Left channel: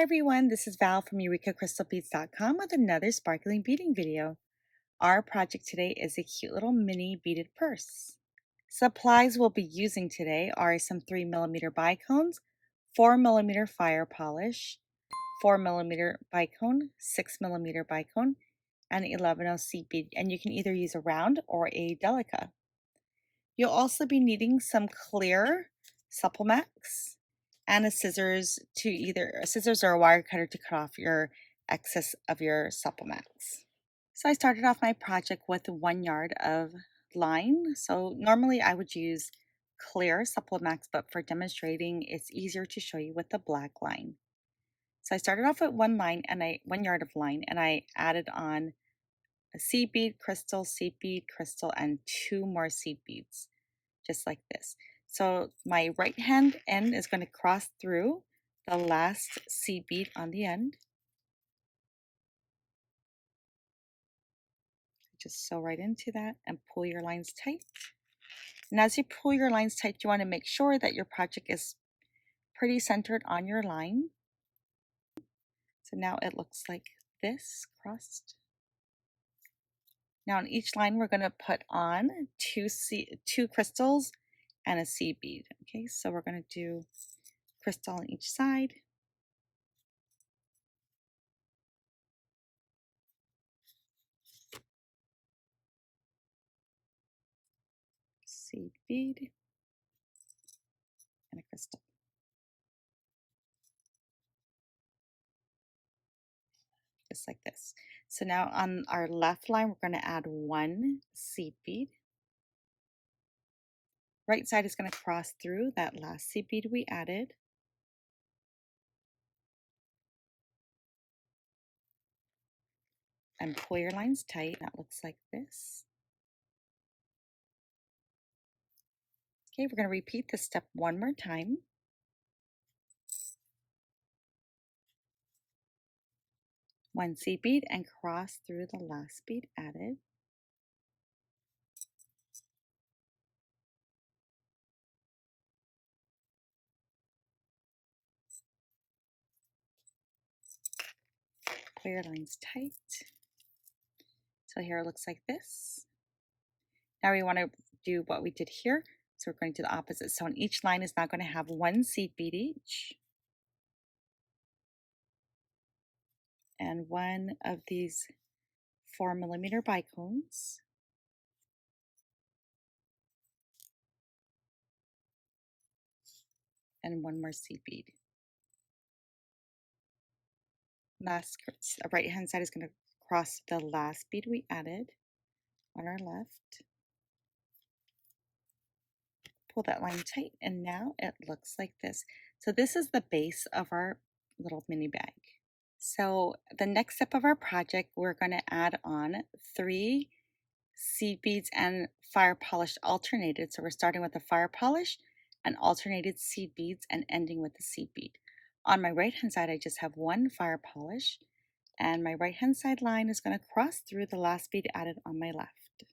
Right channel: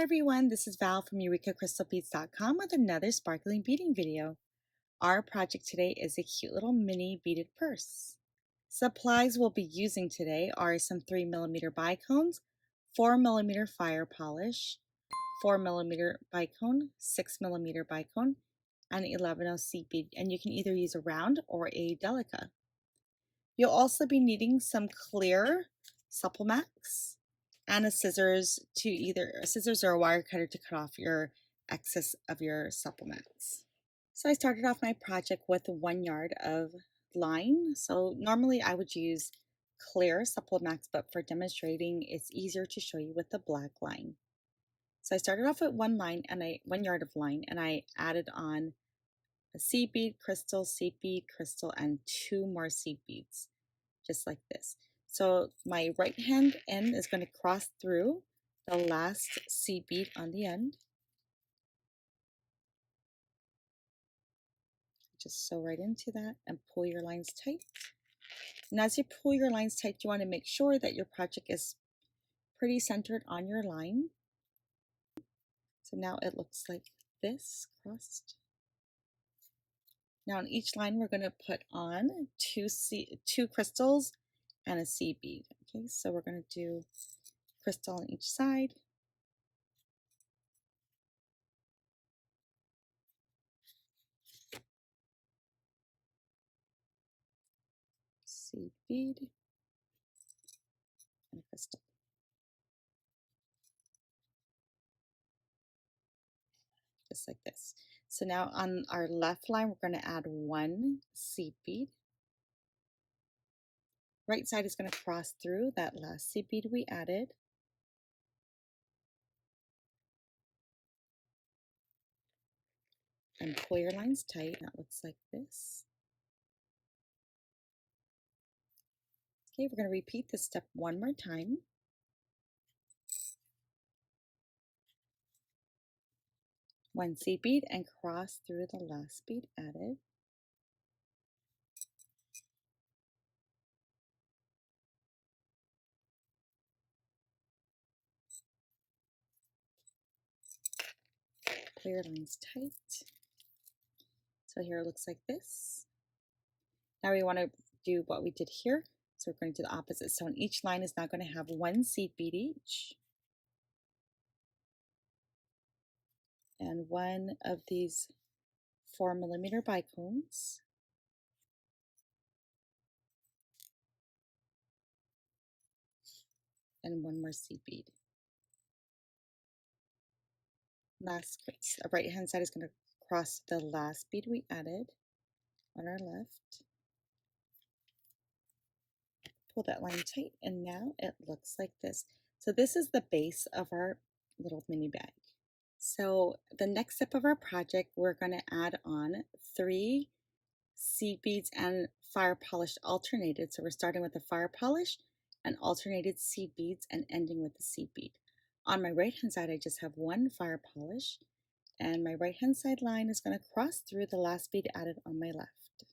Hi everyone, this is Val from EurekaCrystalBeads.com with another sparkling beading video. Our project today is a cute little mini beaded purse. Supplies we'll be using today are some 3mm bicones, 4mm fire polish, 4mm bicone, 6mm bicone, and 11 seed bead, and you can either use a round or a delica. You'll also be needing some clear supplements and a scissors or a wire cutter to cut off your excess of your supplements. So I started off my project with 1 yard of line. So normally I would use clear supplements, but for demonstrating, it's easier to show you with the black line. So I started off with 1 yard of line, and I added on a seed bead, crystal, and 2 more seed beads, just like this. So my right hand end is going to cross through the last seed bead on the end. Just sew right into that and pull your lines tight. And as you pull your lines tight, you want to make sure that your project is pretty centered on your line. So now it looks like this, crossed. Now on each line, we're going to put on two crystals and a seed bead. Okay, so we're going to do crystal on each side. Seed bead and a crystal. Just like this. So now on our left line, we're going to add 1 seed bead. Right side is going to cross through that last seed bead we added. And pull your lines tight. That looks like this. Okay, we're going to repeat this step one more time. One seed bead and cross through the last bead added. Pull your lines tight. So here it looks like this. Now we want to do what we did here. So we're going to do the opposite. So on each line is now going to have 1 seed bead each. And 1 of these 4mm bicones. And 1 more seed bead. Last right hand side is going to cross the last bead we added on our left. Pull that line tight, and now it looks like this. So this is the base of our little mini bag. So the next step of our project, we're going to add on 3 seed beads and fire polish alternated. So we're starting with the fire polish and alternated seed beads and ending with the seed bead. On my right hand side, I just have 1 fire polish, and my right hand side line is going to cross through the last bead added on my left.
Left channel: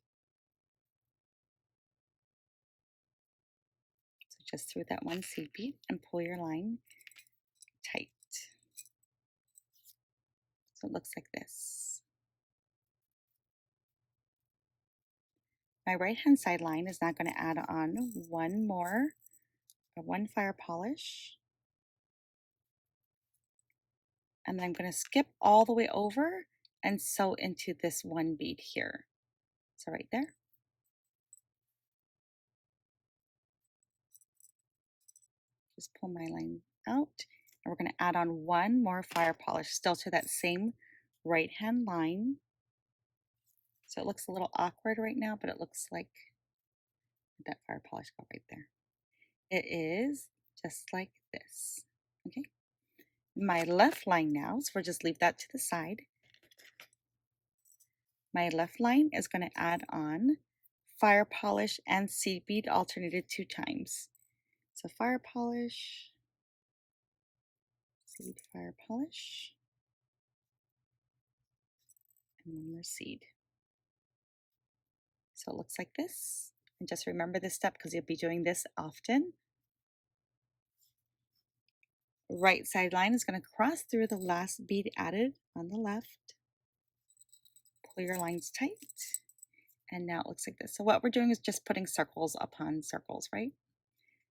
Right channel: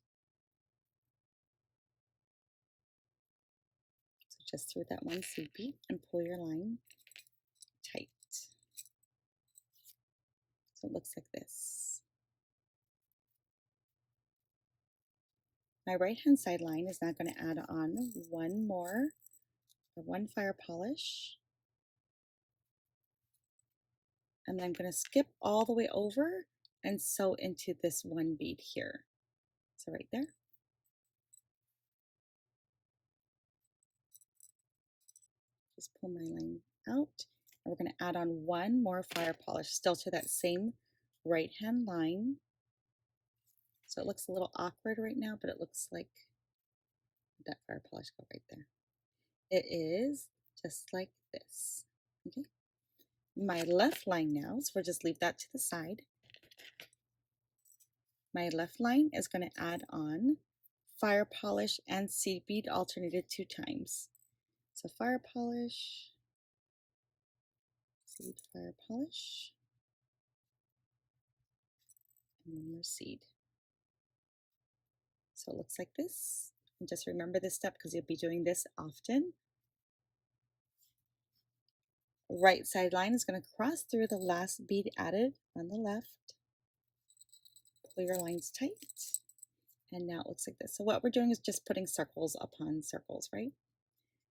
So just through that 1 seed bead and pull your line tight. So it looks like this. My right hand side line is now going to add on 1 fire polish. And I'm going to skip all the way over and sew into this 1 bead here. So right there. Just pull my line out, and we're going to add on 1 more fire polish, still to that same right hand line. So it looks a little awkward right now, but it looks like that fire polish go right there. It is just like this. Okay. My left line now, so we'll just leave that to the side. My left line is going to add on fire polish and seed bead alternated 2 times. So fire polish, seed, fire polish, and 1 more seed. So it looks like this. And just remember this step because you'll be doing this often. right side line is going to cross through the last bead added on the left. Pull your lines tight. And now it looks like this. So what we're doing is just putting circles upon circles, right?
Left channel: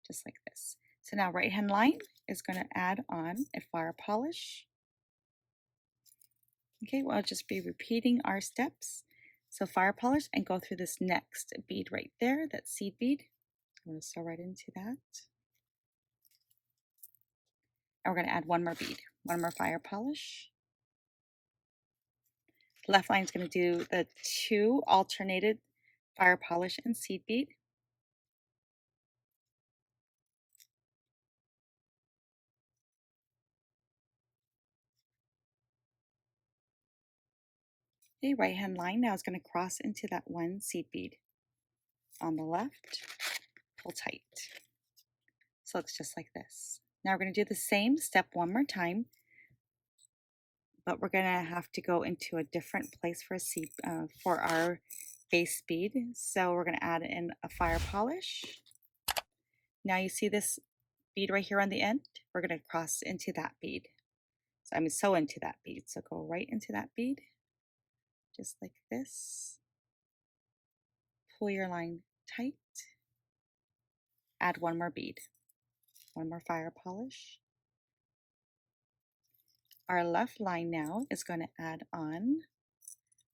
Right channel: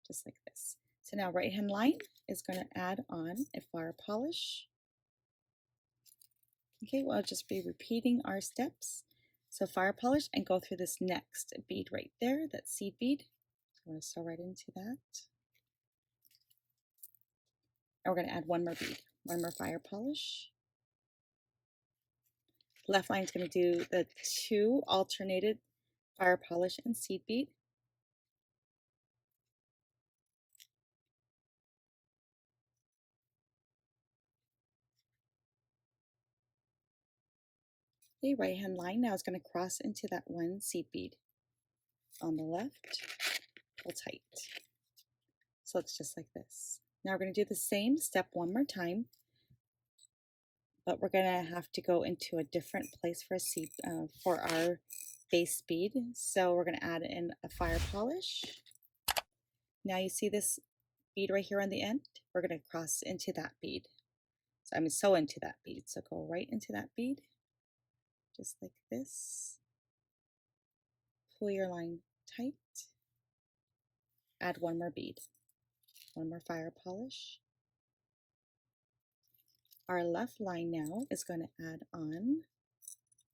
Just like this. So now right hand line is going to add on a fire polish. Okay, we'll just be repeating our steps. So fire polish and go through this next bead right there, that seed bead. I'm going to sew right into that. And we're going to add one more bead, one more fire polish. Left line is going to do the 2 alternated fire polish and seed bead. The right hand line now is going to cross into that 1 seed bead. On the left, pull tight. So it's just like this. Now we're going to do the same step one more time, but we're going to have to go into a different place for a seed for our base bead. So we're going to add in a fire polish. Now you see this bead right here on the end? We're going to cross into that bead. So I'm going to sew into that bead. So go right into that bead, just like this. Pull your line tight. Add one more bead, one more fire polish. Our left line now is going to add on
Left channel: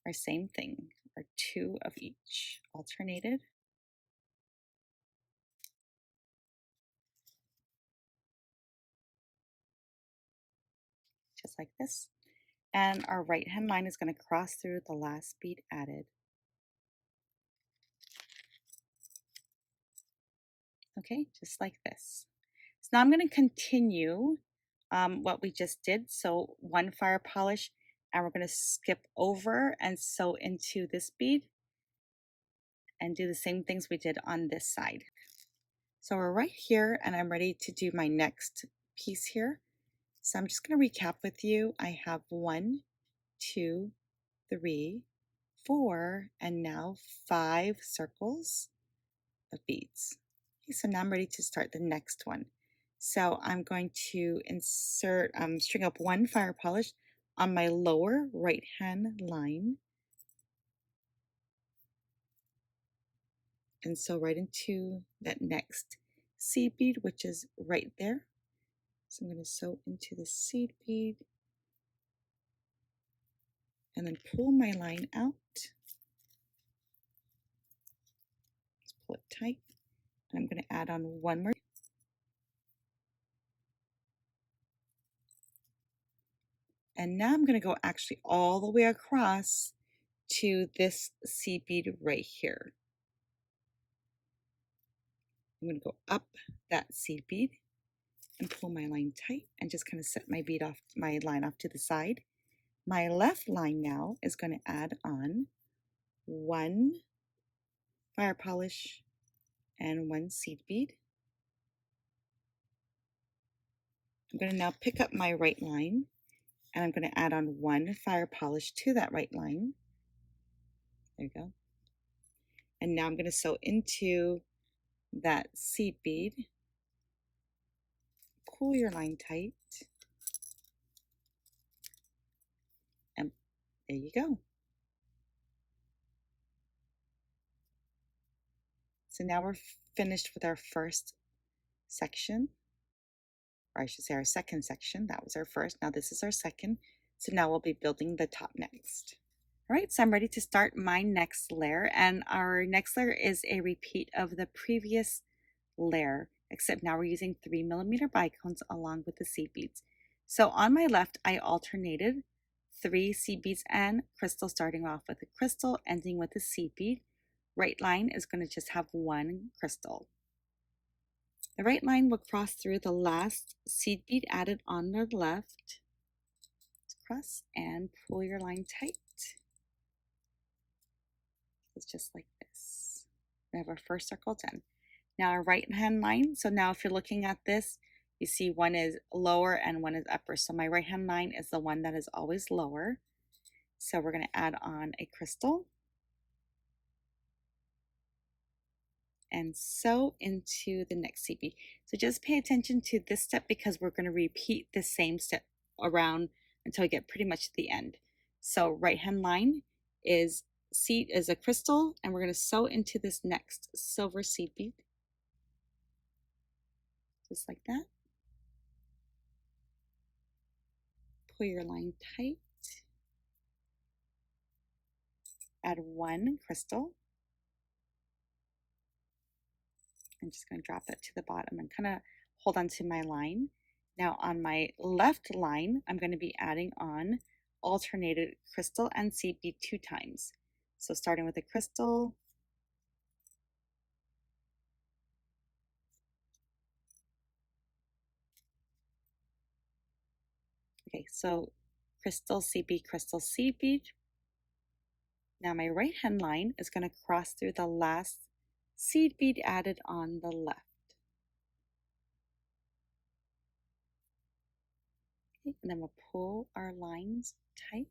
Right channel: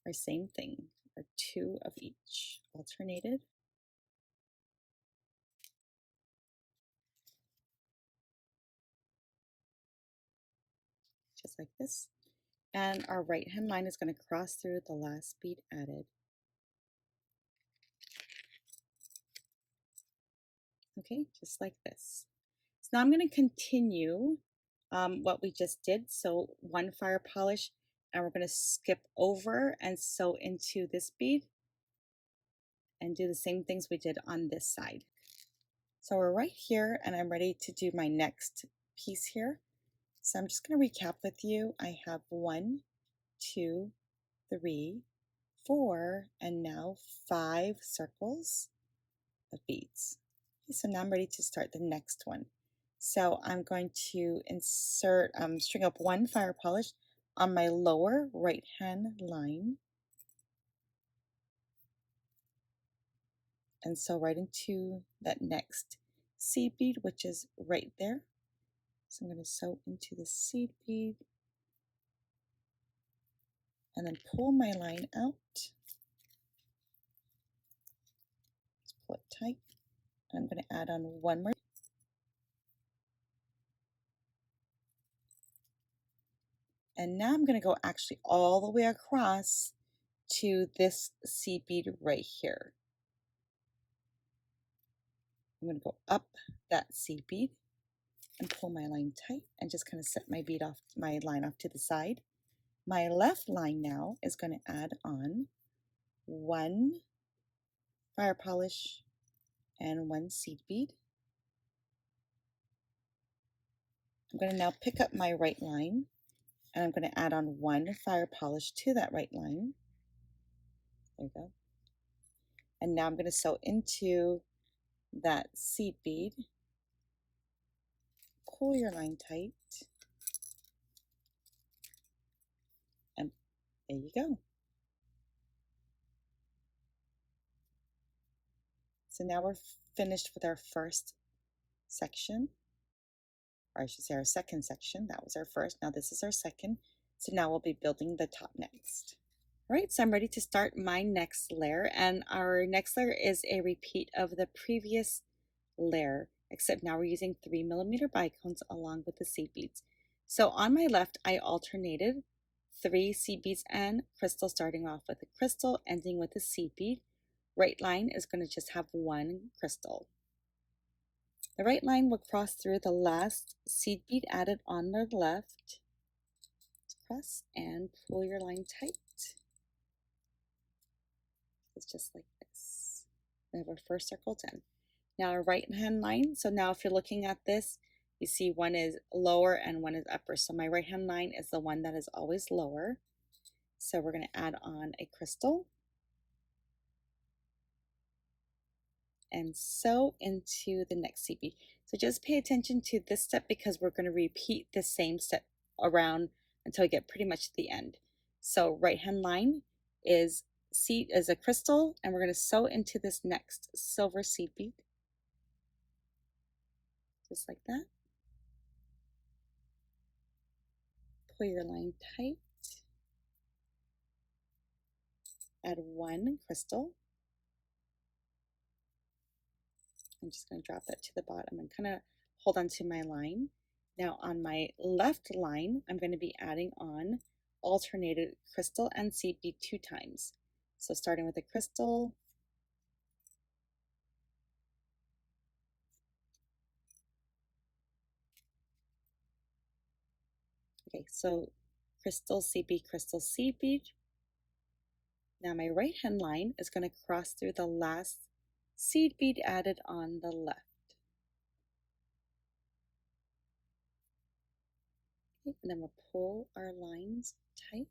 our same thing, our 2 of each, alternated. Just like this. And our right hand line is going to cross through the last bead added. Okay, just like this. So now I'm going to continue what we just did. So 1 fire polish, and we're going to skip over and sew into this bead and do the same things we did on this side. So we're right here, and I'm ready to do my next piece here. So I'm just going to recap with you. I have 1, 2, 3, 4, and now 5 circles of beads. Okay, so now I'm ready to start the next one. So I'm going to insert, string up 1 fire polish on my lower right hand line and sew right into that next seed bead, which is right there. So I'm going to sew into the seed bead and then pull my line out. Let's pull it tight. I'm going to add on 1 more. And now I'm going to go actually all the way across to this seed bead right here. I'm going to go up that seed bead and pull my line tight and just kind of set my bead off, my line off to the side. My left line now is going to add on 1 fire polish and 1 seed bead. I'm going to now pick up my right line and I'm going to add on 1 fire polish to that right line. There you go. And now I'm going to sew into that seed bead. Pull your line tight. And there you go. So now we're finished with our first section, or I should say our second section. That was our first. Now this is our second. So now we'll be building the top next. All right, so I'm ready to start my next layer, and our next layer is a repeat of the previous layer, except now we're using 3mm bicones along with the seed beads. So on my left, I alternated 3 seed beads and crystal, starting off with a crystal, ending with a seed bead. Right line is going to just have 1 crystal. The right line will cross through the last seed bead added on the left. Cross and pull your line tight. It's just like this. We have our first circle done. Now our right hand line. So now if you're looking at this, you see one is lower and one is upper. So my right hand line is the one that is always lower. So we're going to add on a crystal. and sew into the next seed bead. So just pay attention to this step because we're going to repeat the same step around until we get pretty much to the end. So right hand line is a crystal, and we're going to sew into this next silver seed bead, just like that. Pull your line tight, add one crystal. I'm just going to drop it to the bottom and kind of hold on to my line. Now on my left line, I'm going to be adding on alternated crystal and seed bead 2 times. So starting with a crystal, okay, so crystal, seed bead, crystal, seed bead. Now my right hand line is going to cross through the last seed bead added on the left. Okay, and then we'll pull our lines tight.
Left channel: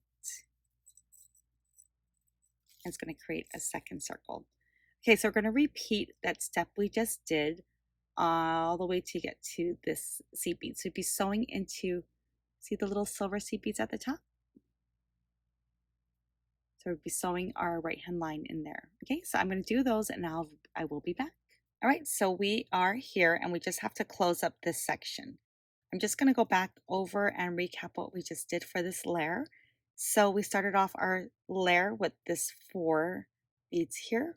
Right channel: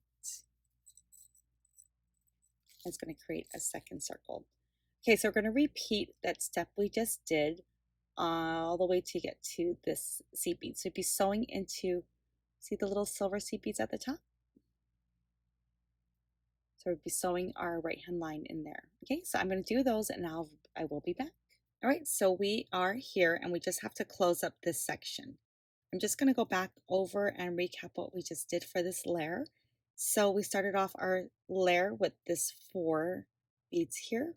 And it's going to create a second circle. Okay, so we're going to repeat that step we just did all the way to get to this seed bead. So be sewing into, see the little silver seed beads at the top? So we'll be sewing our right hand line in there. Okay, so I'm going to do those and I will be back. All right, so we are here and we just have to close up this section. I'm just going to go back over and recap what we just did for this layer. So we started off our layer with this 4 beads here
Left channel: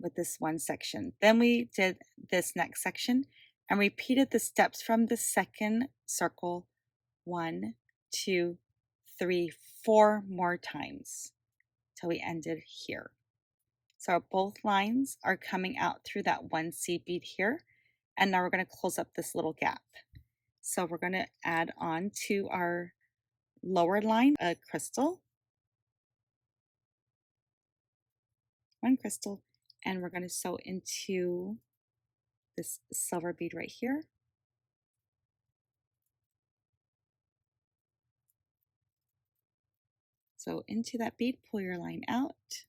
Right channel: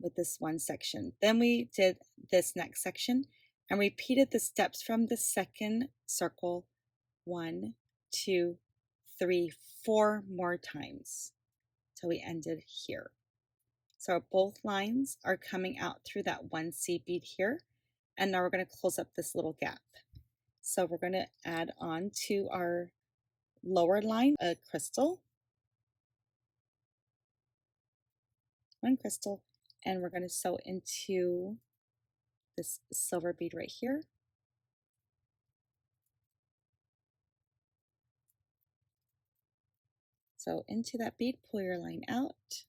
with this one section. Then we did this next section and repeated the steps from the second circle 1, 2, 3, 4 more times till we ended here. So both lines are coming out through that one seed bead here, and now we're going to close up this little gap. So we're going to add on to our lower line a crystal, 1 crystal, and we're going to sew into this silver bead right here. So into that bead, pull your line out,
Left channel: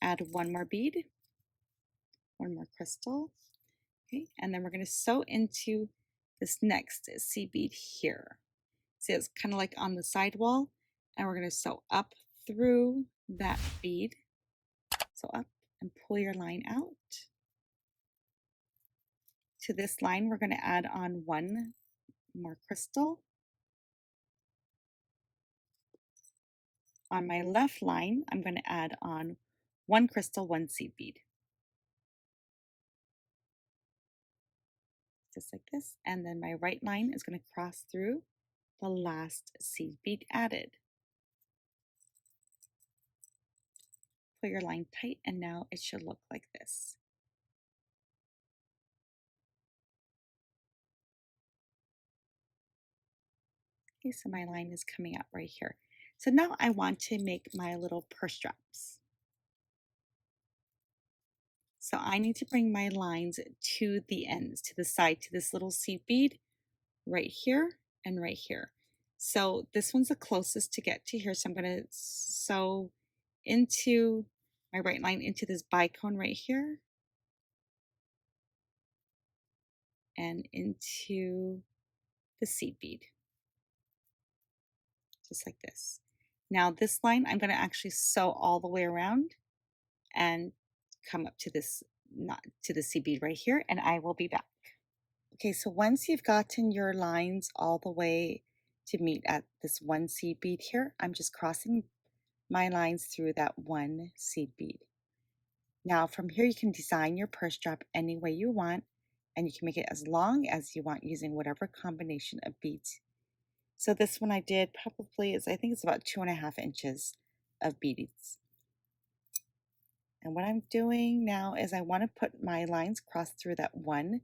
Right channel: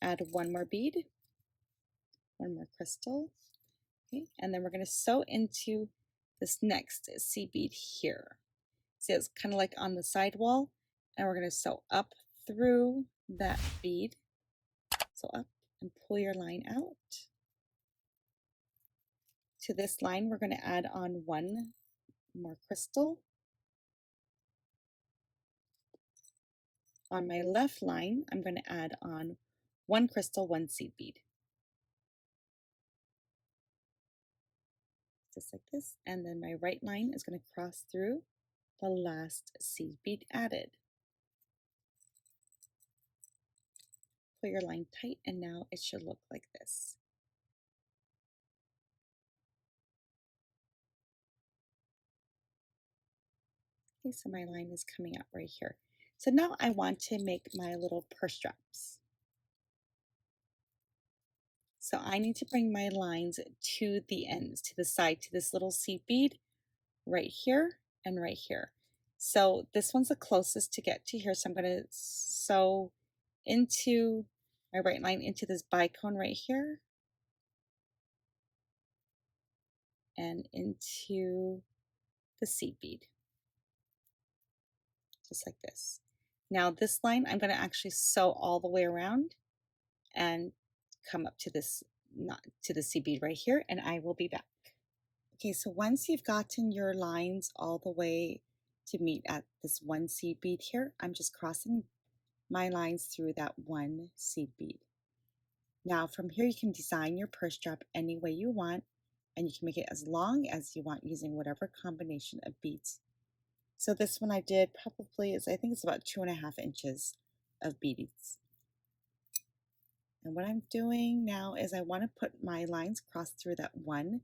add 1 more bead, 1 more crystal, okay, and then we're going to sew into this next seed bead here. See, it's kind of like on the side wall, and we're going to sew up through that bead. So up and pull your line out. To this line, we're going to add on 1 more crystal. On my left line, I'm going to add on 1 crystal, 1 seed bead. Just like this. And then my right line is going to cross through the last seed bead added. Pull your line tight, and now it should look like this. Okay, so my line is coming out right here. So now I want to make my little purse straps. So I need to bring my lines to the ends, to the side, to this little seed bead right here and right here. So this one's the closest to get to here. So I'm going to sew into my right line into this bicone right here and into the seed bead, just like this. Now this line, I'm going to actually sew all the way around and come up to this, not to the seed bead right here, and I will be back. Okay, so once you've gotten your lines all the way to meet at this 1 seed bead here, I'm just crossing my lines through that 1 seed bead. Now from here you can design your purse strap any way you want, and you can make it as long as you want using whatever combination of beads. So this one I did probably is, I think it's about 2.5 inches of beads. And what I'm doing now is I want to put my lines cross through that 1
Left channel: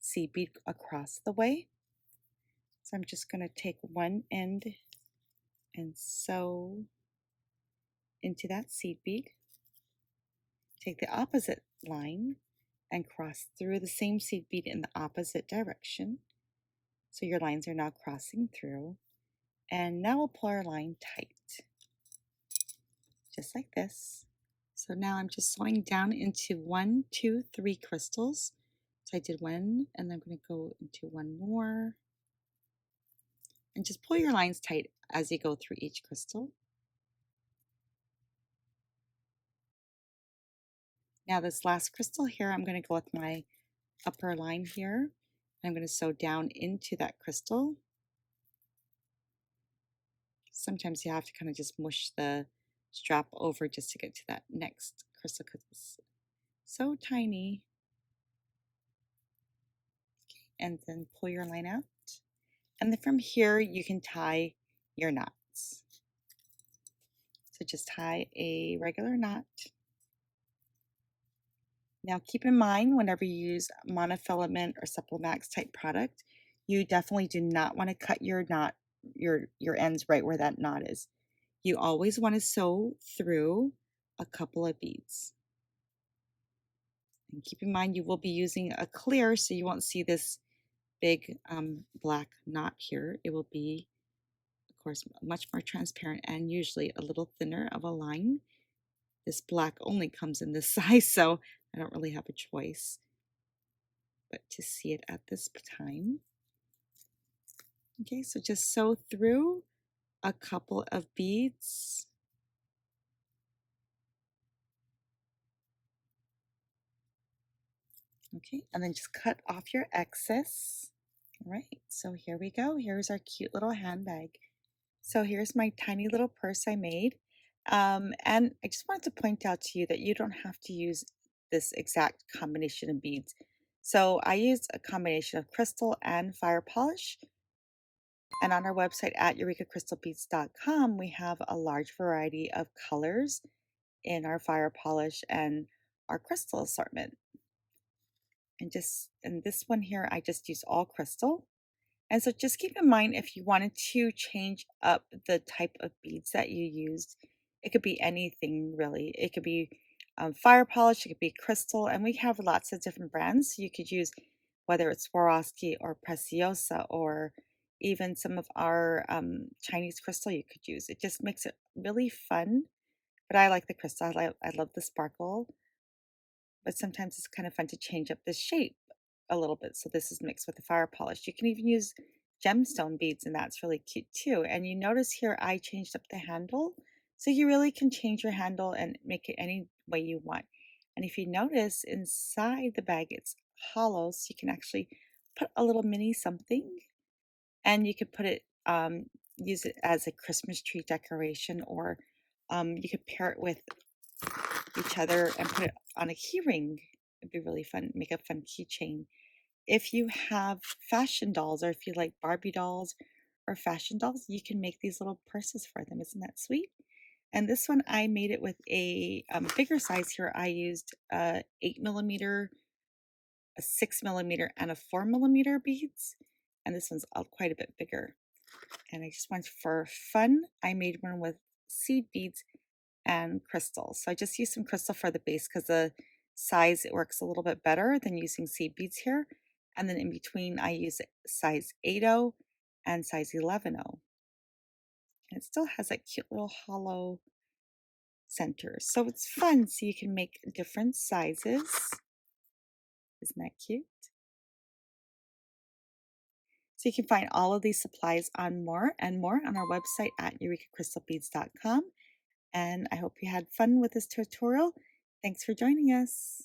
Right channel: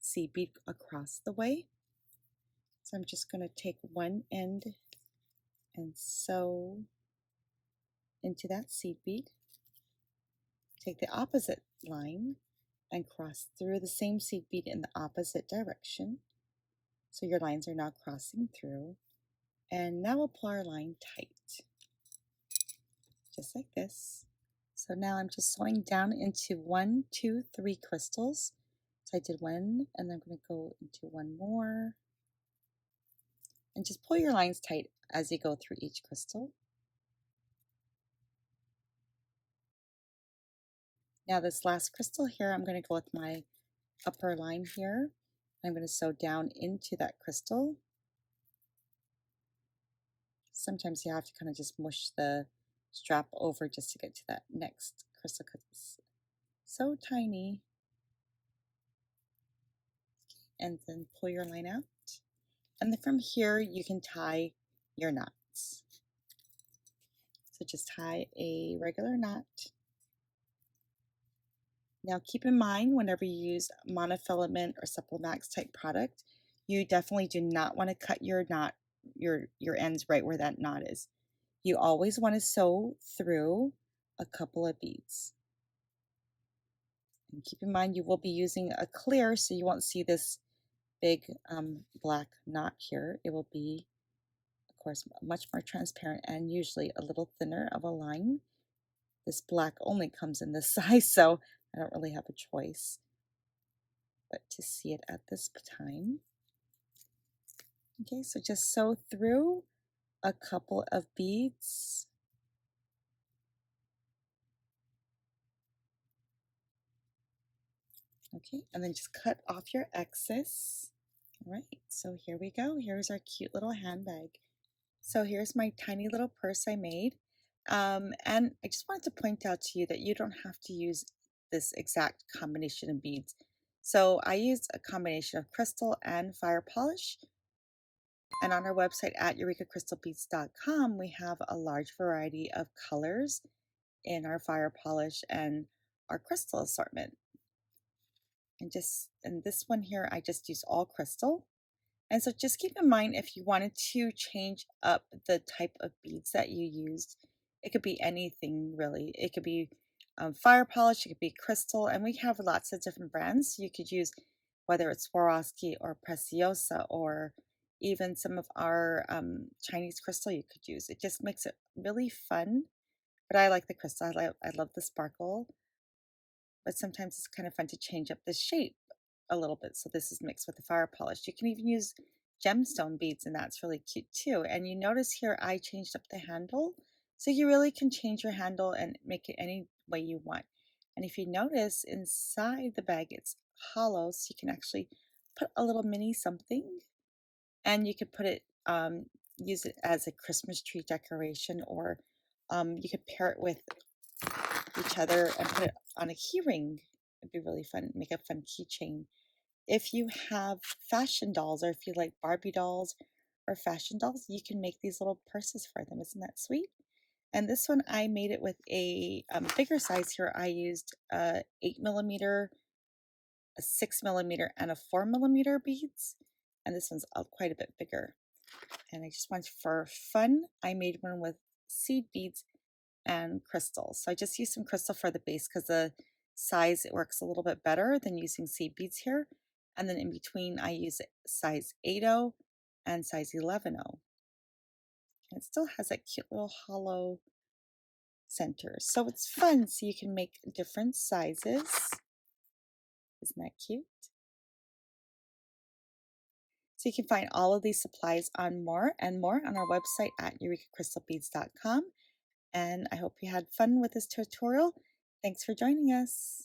seed bead across the way. So I'm just going to take one end and sew into that seed bead. Take the opposite line and cross through the same seed bead in the opposite direction. So your lines are now crossing through. And now we'll pull our line tight, just like this. So now I'm just sewing down into 1, 2, 3 crystals. So I did one, and I'm going to go into one more. And just pull your lines tight as you go through each crystal. Now this last crystal here, I'm going to go with my upper line here. I'm going to sew down into that crystal. Sometimes you have to kind of just mush the strap over just to get to that next crystal because it's so tiny. And then pull your line out. And then from here, you can tie your knots. So just tie a regular knot. Now keep in mind, whenever you use monofilament or Supplemax type product, you definitely do not want to cut your knot, your ends right where that knot is. You always want to sew through a couple of beads. And keep in mind, you will be using a clear, so you won't see this big black knot here. It will be, of course, much more transparent and usually a little thinner of a line. This black only comes in this size, so I don't really have a choice but to see it at this time. Okay, so just sew through a couple of beads. Okay, and then just cut off your excess. All right, so here we go. Here's our cute little handbag. So here's my tiny little purse I made. And I just wanted to point out to you that you don't have to use this exact combination of beads. So I used a combination of crystal and fire polish. And on our website at EurekaCrystalBeads.com, we have a large variety of colors in our fire polish and our crystal assortment. And this one here, I just use all crystal. And so just keep in mind, if you wanted to change up the type of beads that you used, it could be anything really. It could be fire polish, it could be crystal, and we have lots of different brands. You could use whether it's Swarovski or Preciosa or even some of our Chinese crystal you could use. It just makes it really fun. But I like the crystal. I love the sparkle, but sometimes it's kind of fun to change up the shape a little bit. So this is mixed with the fire polish. You can even use gemstone beads, and that's really cute too. And you notice here I changed up the handle. So you really can change your handle and make it any way you want. And if you notice inside the bag, it's hollow, so you can actually put a little mini something, and you could put it, use it as a Christmas tree decoration, or you could pair it with each other and put it on a key ring. It'd be really fun, make a fun keychain. If you have fashion dolls, or if you like Barbie dolls or fashion dolls, you can make these little purses for them. Isn't that sweet? And this one, I made it with a bigger size here. I used 8mm, a 6mm, and a 4mm beads. And this one's quite a bit bigger. And I just wanted for fun, I made one with seed beads and crystals. So I just used some crystal for the base because the size, it works a little bit better than using seed beads here. And then in between, I use size 8.0 and size 11.0. And it still has that cute little hollow center. So it's fun. So you can make different sizes. Isn't that cute? So you can find all of these supplies on more and more on our website at EurekaCrystalBeads.com. And I hope you had fun with this tutorial. Thanks for joining us.